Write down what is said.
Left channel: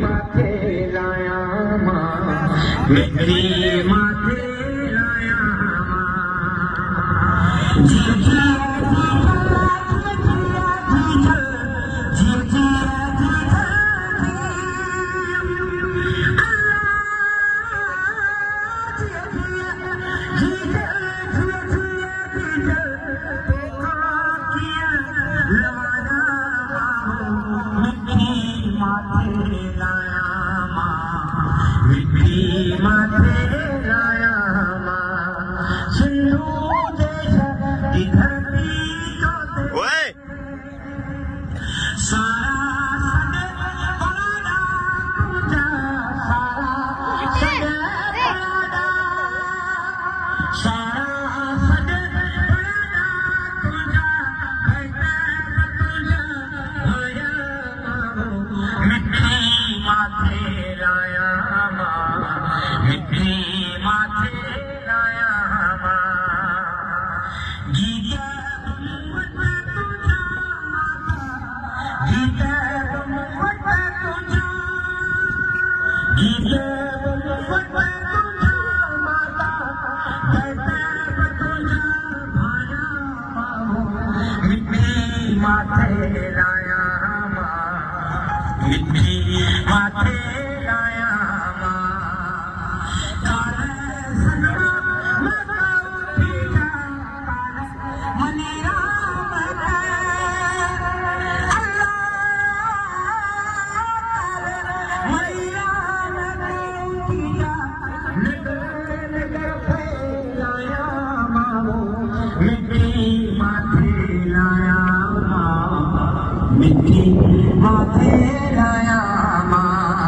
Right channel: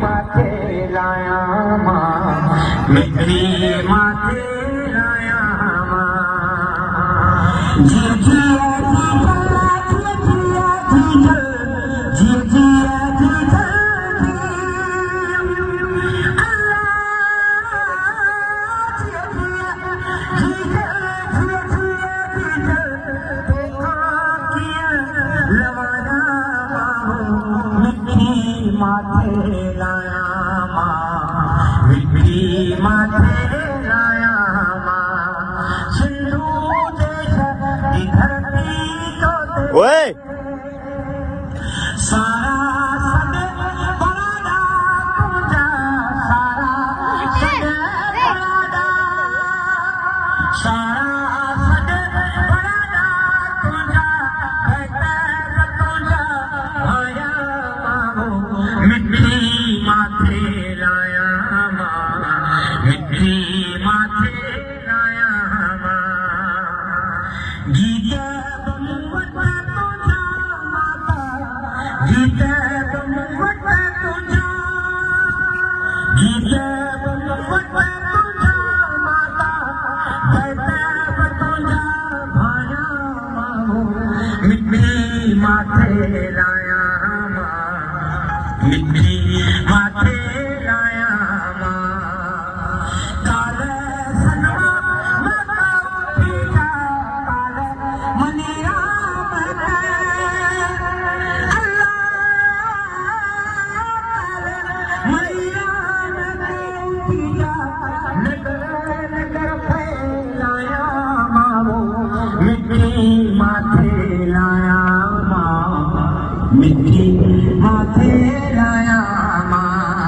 माथे लाया मां मिठी माथे लाया माथे लाया मां मिठी माथे लाया ओए सारा माथे लाया मां मिठी माथे लाया मां गीत माथे लाया मिठी माथे लाया काले मनीरा मिठी माथे लाया मिठी माथे लाया मां